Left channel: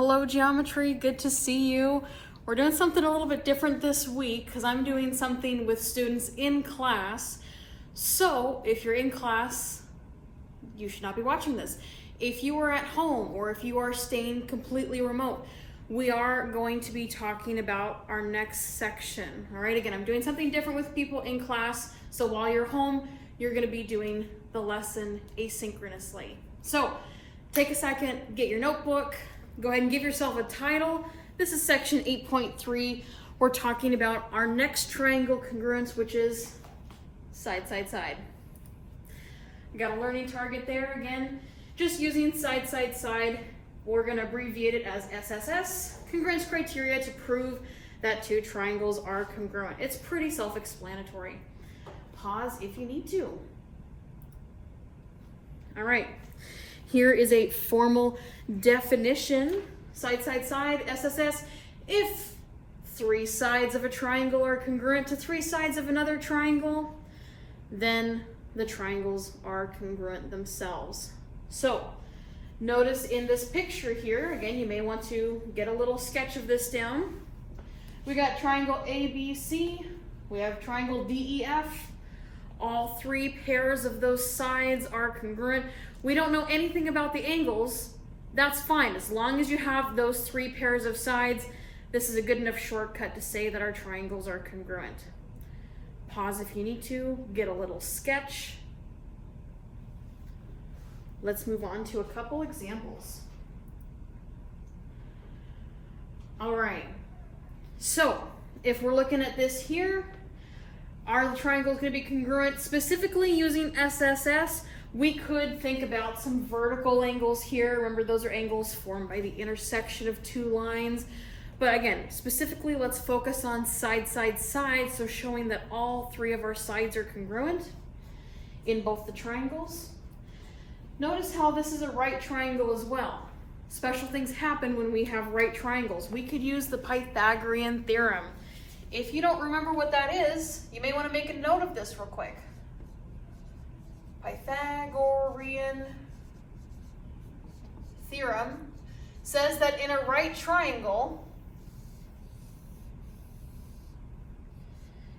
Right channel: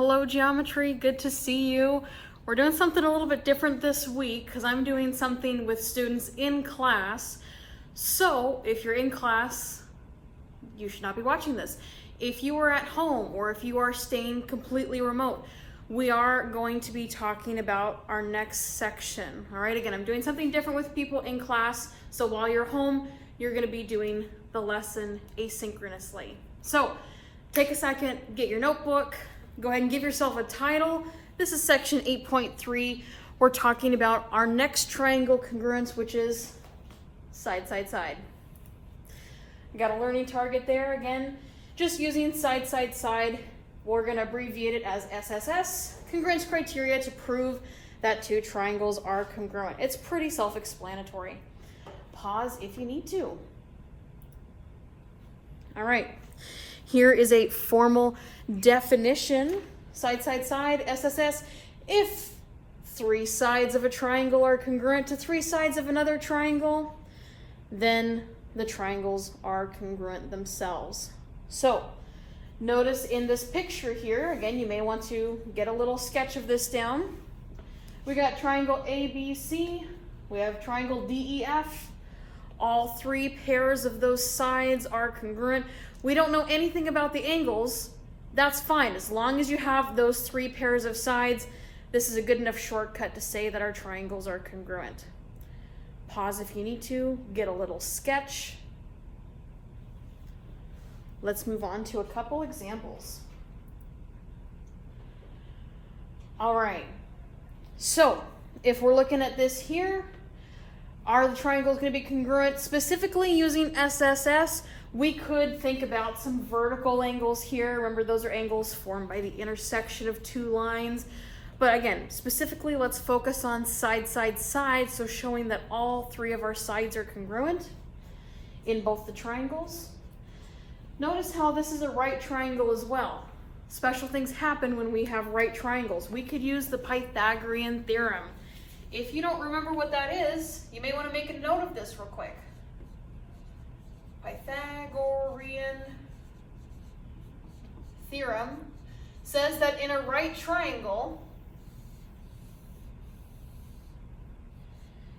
Hello geometry, good to see you. We're doing something a little bit different this week because I'm doing something with students in class. So if you're in class, you should not be watching this. If you are at home or if you are staying completely remote, we are going to be talking about our next section. All right, again, I'm doing something different with people in class. So while you're home, you're gonna be doing the lesson asynchronously. So take a second, get your notebook, go ahead and give yourself a title. This is section 8.3. We're talking about our next triangle congruence, which is side, side, side. You got a learning target there. Again, just using side, side, side. We're gonna abbreviate it as SSS, congruence criteria to prove that two triangles are congruent. It's pretty self-explanatory. Pause if you need to. All right, here is a formal definition. Side, side, side, SSS. If three sides of a triangle are congruent to three sides of another triangle, then the triangles are congruent themselves. So notice in this picture here, again, you may want to get a little sketch of this down. We got triangle ABC, we have triangle DEF. All three pairs of those sides are congruent. We don't know anything about the angles. That's fine, as long as you have those three pairs of sides. This is a good enough shortcut to say that our triangles are congruent. Pause if you need to, get a little sketch. Let's move on to a couple examples. All right, so if we're looking at this here, are the triangles going to be congruent? Specifically using SSS, we could think about some vertical angles here. Remember, those are angles formed by the intersection of two lines. But again, specifically, let's focus on side, side, side. So showing that all three of our sides are congruent in both the triangles. Notice how this is a right triangle as well. Special things happen when we have right triangles. We could use the Pythagorean theorem. If you don't remember what that is, you may want to make a note of this real quick. Pythagorean theorem says that in a right triangle,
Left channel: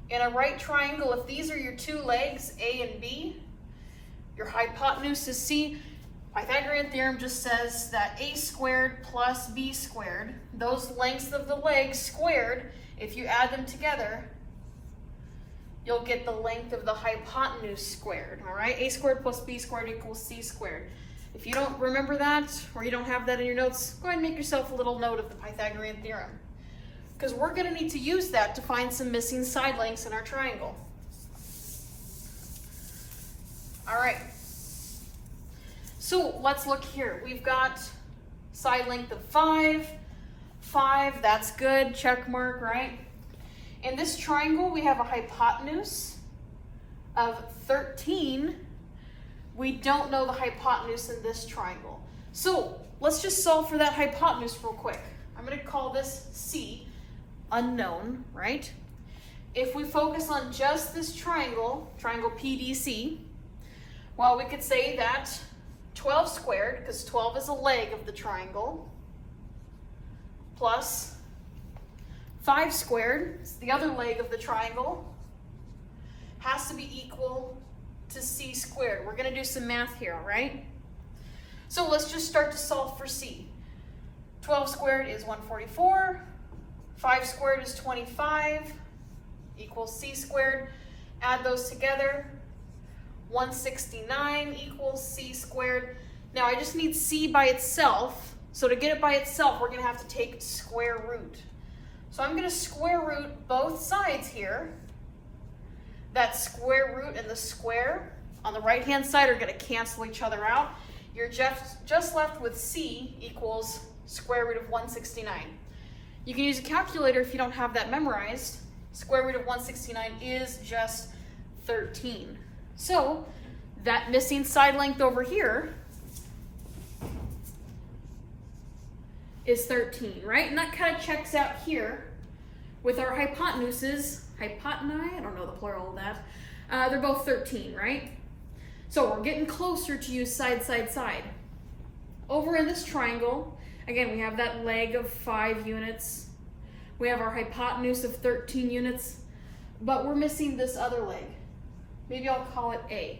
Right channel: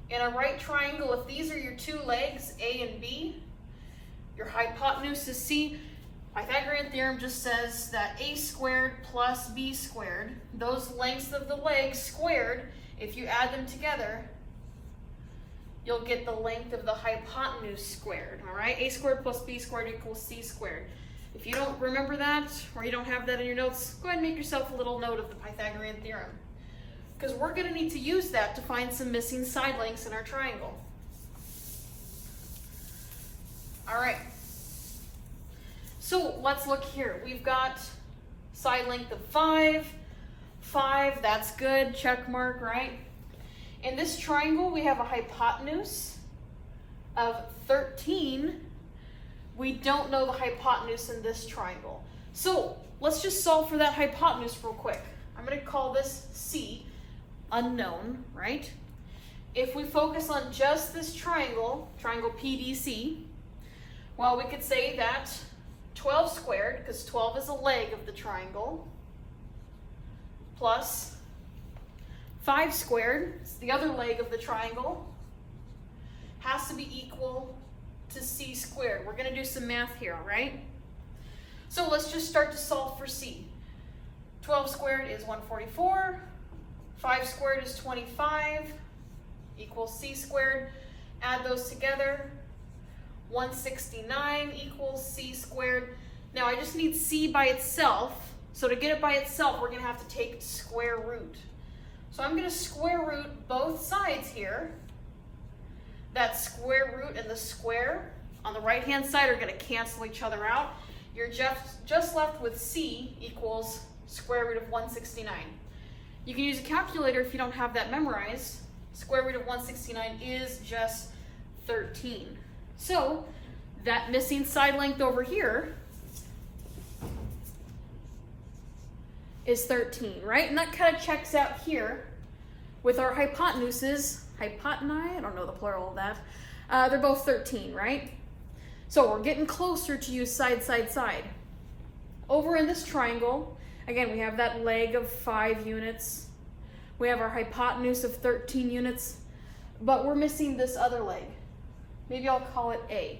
if these are your two legs, A and B, your hypotenuse is C. Pythagorean theorem just says that A squared plus B squared, those lengths of the legs squared, if you add them together, you'll get the length of the hypotenuse squared, all right? A squared plus B squared equals C squared. If you don't remember that, or you don't have that in your notes, go ahead and make yourself a little note of the Pythagorean theorem, because we're gonna need to use that to find some missing side lengths in our triangle. All right, so let's look here. We've got side length of 5, that's good, check mark, right? In this triangle, we have a hypotenuse of 13. We don't know the hypotenuse in this triangle. So let's just solve for that hypotenuse real quick. I'm gonna call this C, unknown, right? If we focus on just this triangle, triangle PDC, well, we could say that 12 squared, because 12 is a leg of the triangle, plus 5 squared, it's the other leg of the triangle, has to be equal to C squared. We're gonna do some math here, all right? So let's just start to solve for C. 12 squared is 144, 5 squared is 25, equals C squared. Add those together, 169 equals C squared. Now I just need C by itself. So to get it by itself, we're gonna have to take square root. So I'm gonna square root both sides here. That square root and the square on the right-hand side are gonna cancel each other out. You're just left with C equals square root of 169. You can use a calculator if you don't have that memorized. Square root of 169 is just 13. So that missing side length over here is 13, right? And that kind of checks out here with our hypotenuses. Hypotenuse, I don't know the plural of that. They're both 13, right? So we're getting closer to use side, side, side. Over in this triangle, Again, we have that leg of 5 units. We have our hypotenuse of 13 units, but we're missing this other leg. Maybe I'll call it A.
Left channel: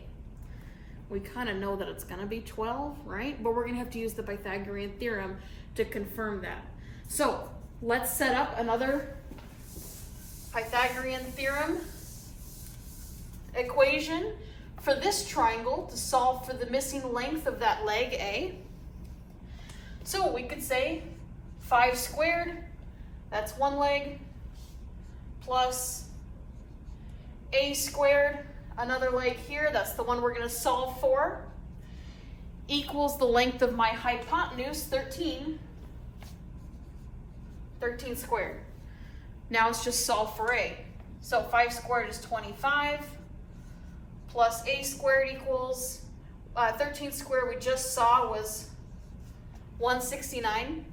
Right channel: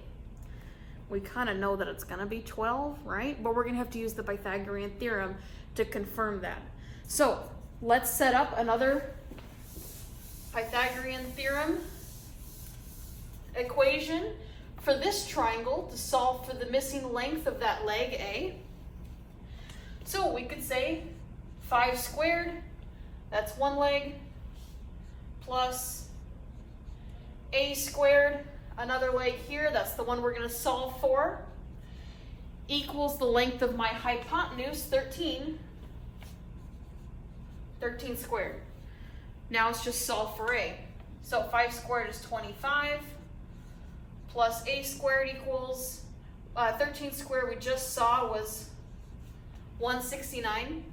We kind of know that it's gonna be 12, right? But we're gonna have to use the Pythagorean theorem to confirm that. So let's set up another Pythagorean theorem equation for this triangle to solve for the missing length of that leg A. So we could say 5 squared, that's one leg, plus A squared, another leg here, that's the one we're going to solve for, equals the length of my hypotenuse, 13 squared. Now it's just solve for A. So 5 squared is 25, plus A squared equals, 13 squared we just saw was 169.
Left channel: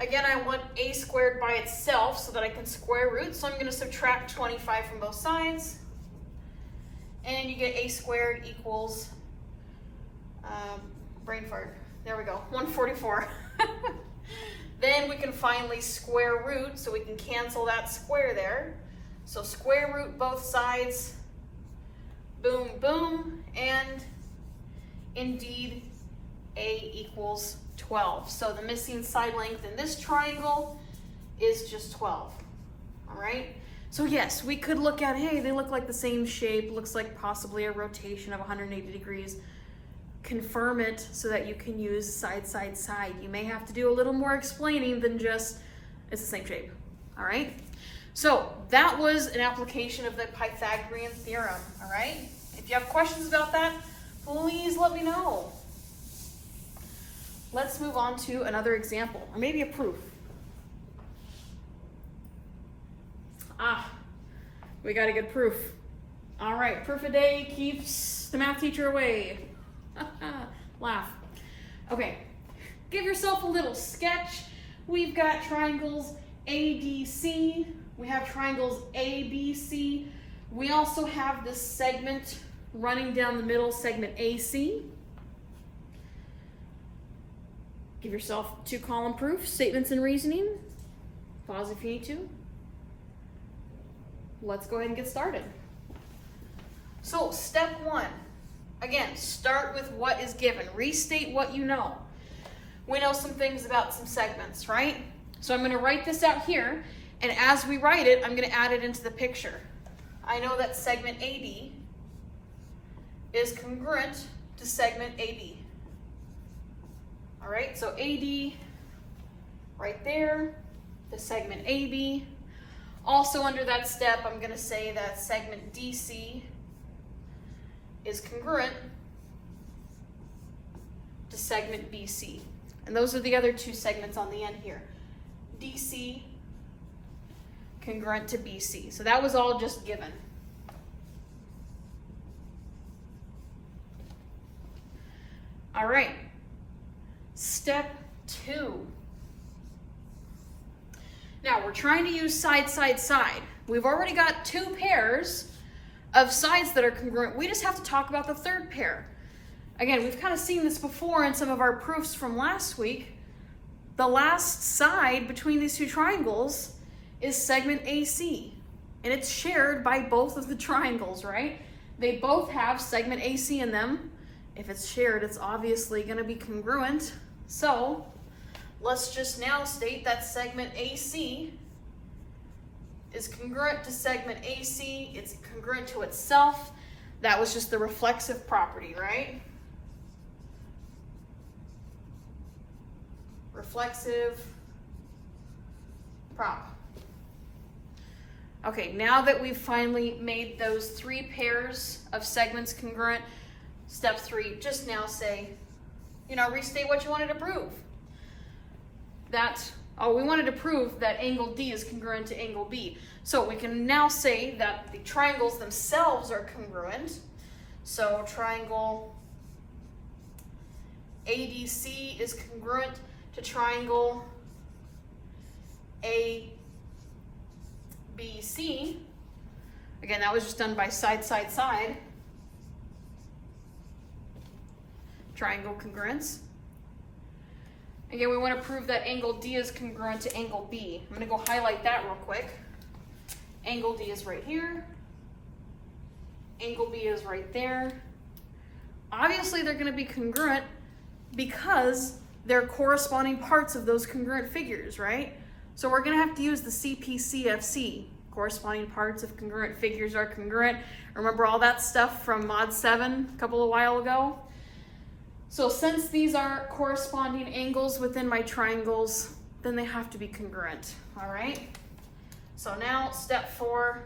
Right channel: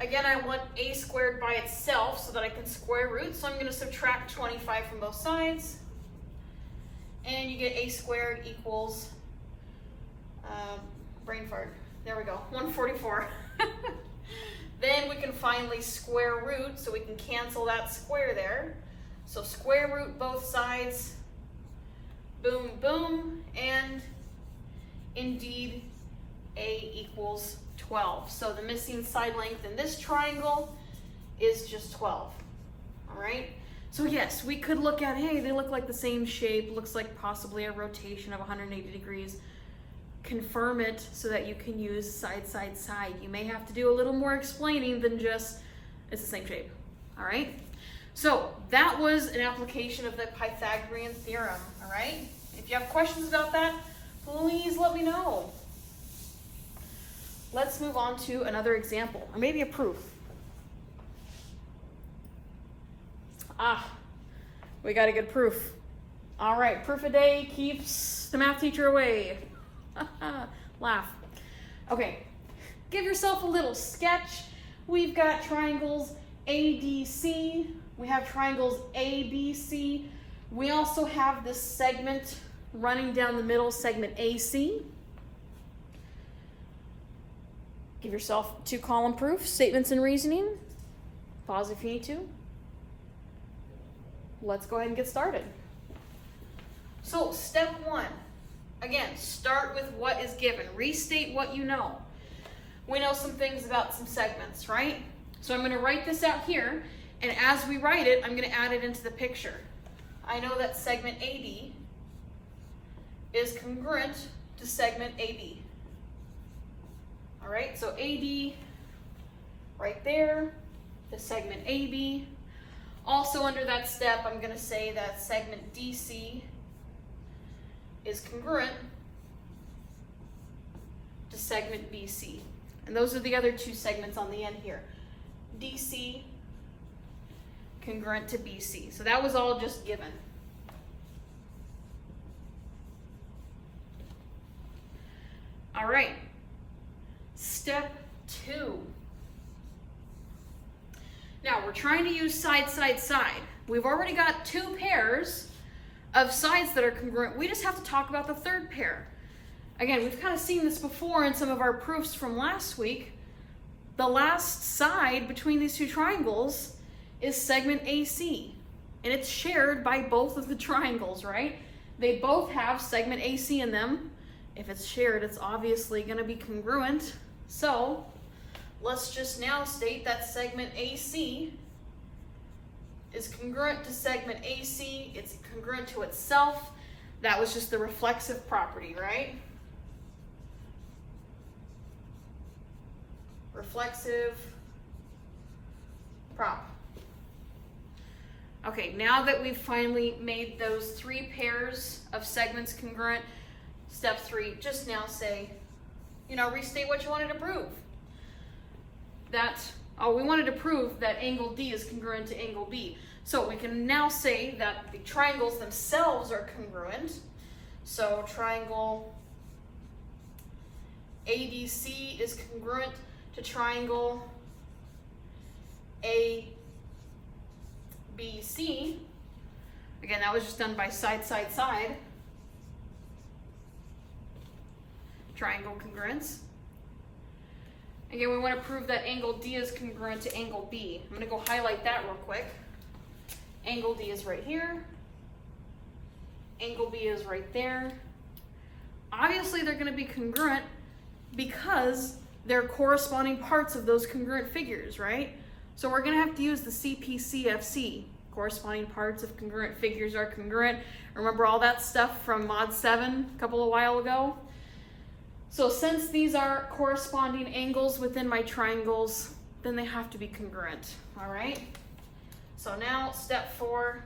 Again, I want A squared by itself so that I can square root, so I'm going to subtract 25 from both sides. And you get A squared equals, brain fart, there we go, 144. Then we can finally square root, so we can cancel that square there. So square root both sides, boom, boom, and indeed A equals 12. So the missing side length in this triangle is just 12, all right? So yes, we could look at, hey, they look like the same shape, looks like possibly a rotation of 180 degrees. Confirm it so that you can use side, side, side. You may have to do a little more explaining than just, it's the same shape, all right? So that was an application of the Pythagorean theorem, all right? If you have questions about that, please let me know. Let's move on to another example, or maybe a proof. We got a good proof. All right, proof a day keeps the math teacher away. Laugh. Okay, give yourself a little sketch. We've got triangles ADC. We have triangles ABC. We also have this segment running down the middle, segment AC. Give yourself 2-column proof, statements and reasoning. Pause if you need to. Let's go ahead and get started. So step 1, again, start with what is given. Restate what you know. We know some things about some segments, right? So I'm going to write this out here, and as we write it, I'm going to add it into the picture. I know that segment AD is congruent to segment AB. All right, so AD right there, the segment AB. Also under that step, I'm going to say that segment DC is congruent to segment BC. And those are the other 2 segments on the end here. DC congruent to BC. So that was all just given. All right. Step 2. Now we're trying to use side, side, side. We've already got 2 pairs of sides that are congruent. We just have to talk about the 3rd pair. Again, we've kind of seen this before in some of our proofs from last week. The last side between these 2 triangles is segment AC, and it's shared by both of the triangles, right? They both have segment AC in them. If it's shared, it's obviously going to be congruent. So let's just now state that segment AC is congruent to segment AC. It's congruent to itself. That was just the reflexive property, right? Reflexive prop. Okay, now that we've finally made those 3 pairs of segments congruent, step 3, just now say, restate what you wanted to prove. We wanted to prove that angle D is congruent to angle B. So we can now say that the triangles themselves are congruent. So triangle ADC is congruent to triangle ABC. Again, that was just done by side, side, side. Triangle congruence. Again, we want to prove that angle D is congruent to angle B. I'm going to go highlight that real quick. Angle D is right here. Angle B is right there. Obviously, they're going to be congruent because they're corresponding parts of those congruent figures, right? So we're going to have to use the CPCFC. Corresponding parts of congruent figures are congruent. Remember all that stuff from Mod 7 a couple of while ago? So since these are corresponding angles within my triangles, then they have to be congruent, all right? So now step 4,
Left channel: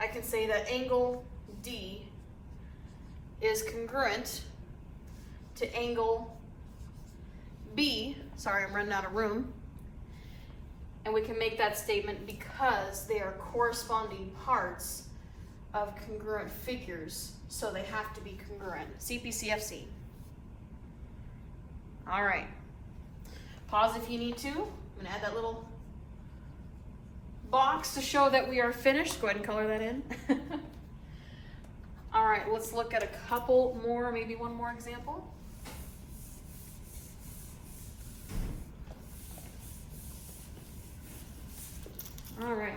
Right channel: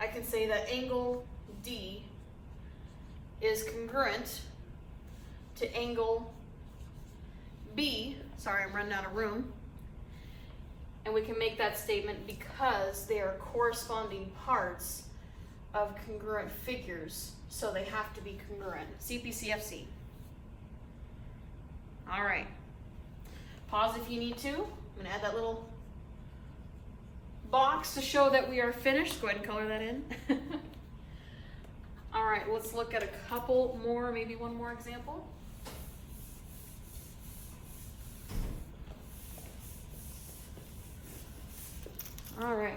I can say that angle D is congruent to angle B. Sorry, I'm running out of room. And we can make that statement because they are corresponding parts of congruent figures, so they have to be congruent. CPCFC. All right. Pause if you need to. I'm going to add that little box to show that we are finished. Go ahead and color that in. All right, let's look at a couple more, maybe one more example. All right.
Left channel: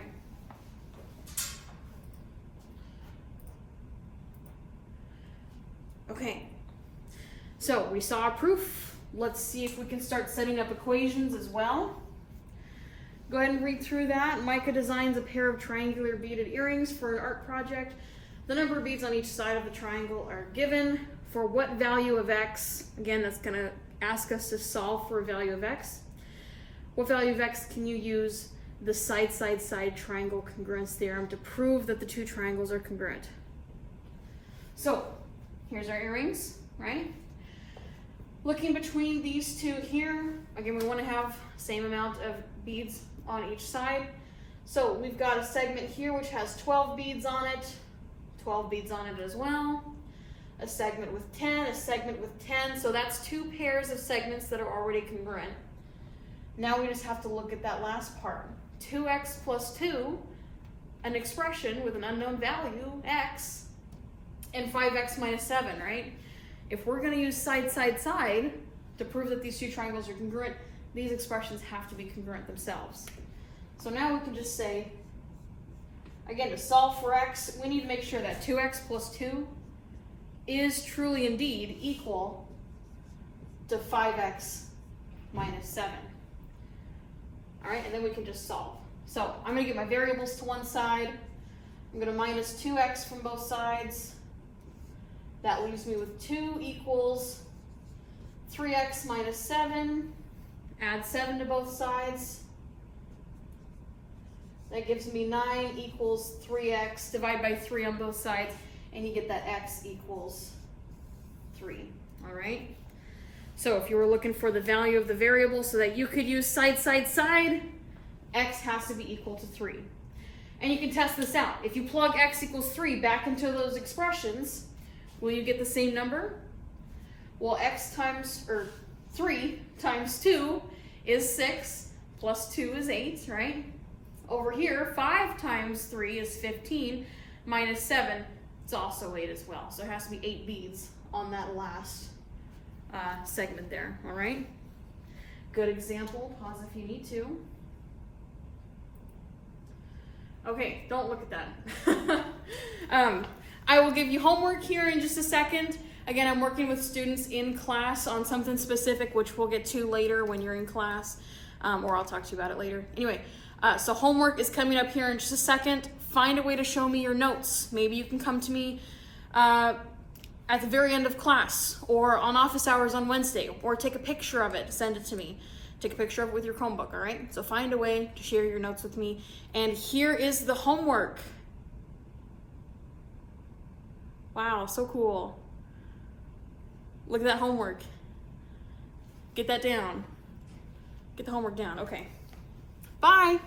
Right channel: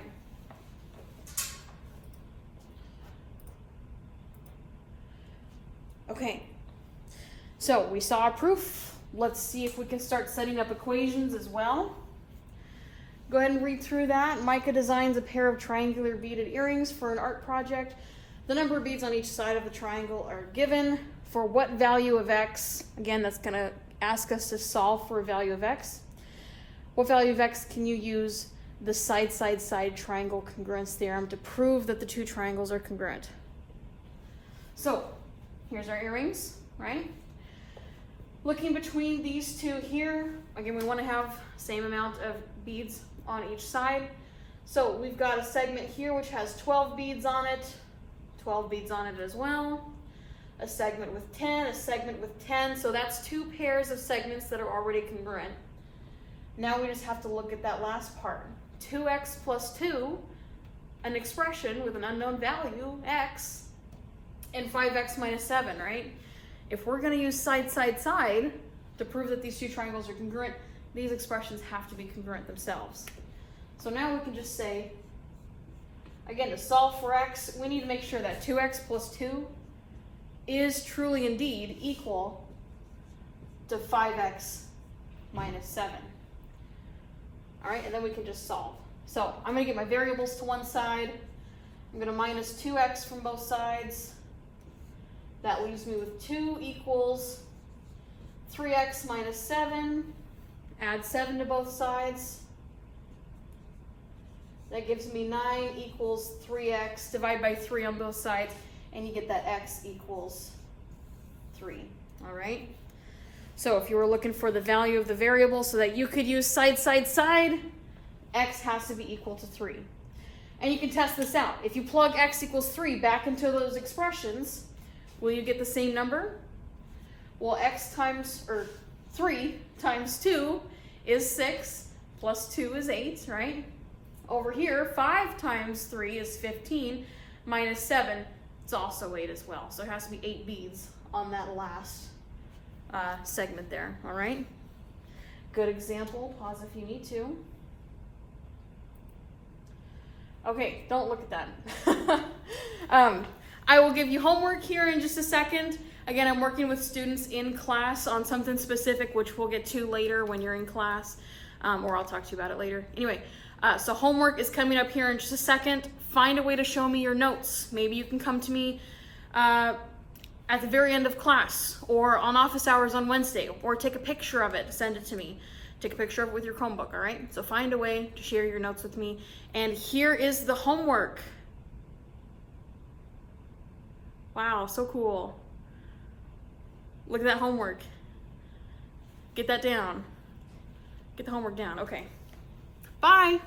Okay, so we saw a proof. Let's see if we can start setting up equations as well. Go ahead and read through that. Micah designs a pair of triangular beaded earrings for an art project. The number of beads on each side of the triangle are given. For what value of x? Again, that's going to ask us to solve for a value of x. What value of x can you use the side-side-side triangle congruence theorem to prove that the two triangles are congruent? So here's our earrings, right? Looking between these two here, again, we want to have same amount of beads on each side. So we've got a segment here which has 12 beads on it, 12 beads on it as well. A segment with 10, a segment with 10. So that's two pairs of segments that are already congruent. Now we just have to look at that last part. 2x plus 2, an expression with an unknown value, x, and 5x minus 7, right? If we're going to use side to prove that these two triangles are congruent, these expressions have to be congruent themselves. So now we can just say, again, to solve for x, we need to make sure that 2x plus 2 is truly indeed equal to 5x minus 7. All right, and then we can just solve. So I'm going to get my variables to one side. I'm going to minus 2x from both sides. That leaves me with 2 equals 3x minus 7. Add 7 to both sides. That gives me 9 equals 3x. Divide by 3 on both sides, and you get that x equals 3. All right? So if you were looking for the value of the variable so that you could use side, x has to be equal to 3. And you can test this out. If you plug x equals 3 back into those expressions, will you get the same number? Well, 3 times 2 is 6, plus 2 is 8, right? Over here, 5 times 3 is 15, minus 7, it's also 8 as well. So it has to be 8 beads on that last segment there, all right? Good example, pause if you need to. Okay, don't look at that. I will give you homework here in just a second. Again, I'm working with students in class on something specific, which we'll get to later when you're in class, or I'll talk to you about it later. Anyway, so homework is coming up here in just a second. Find a way to show me your notes. Maybe you can come to me at the very end of class, or on office hours on Wednesday, or take a picture of it, send it to me. Take a picture of it with your Chromebook, all right? So find a way to share your notes with me. And here is the homework. Wow, so cool. Look at that homework. Get that down. Get the homework down, okay. Bye.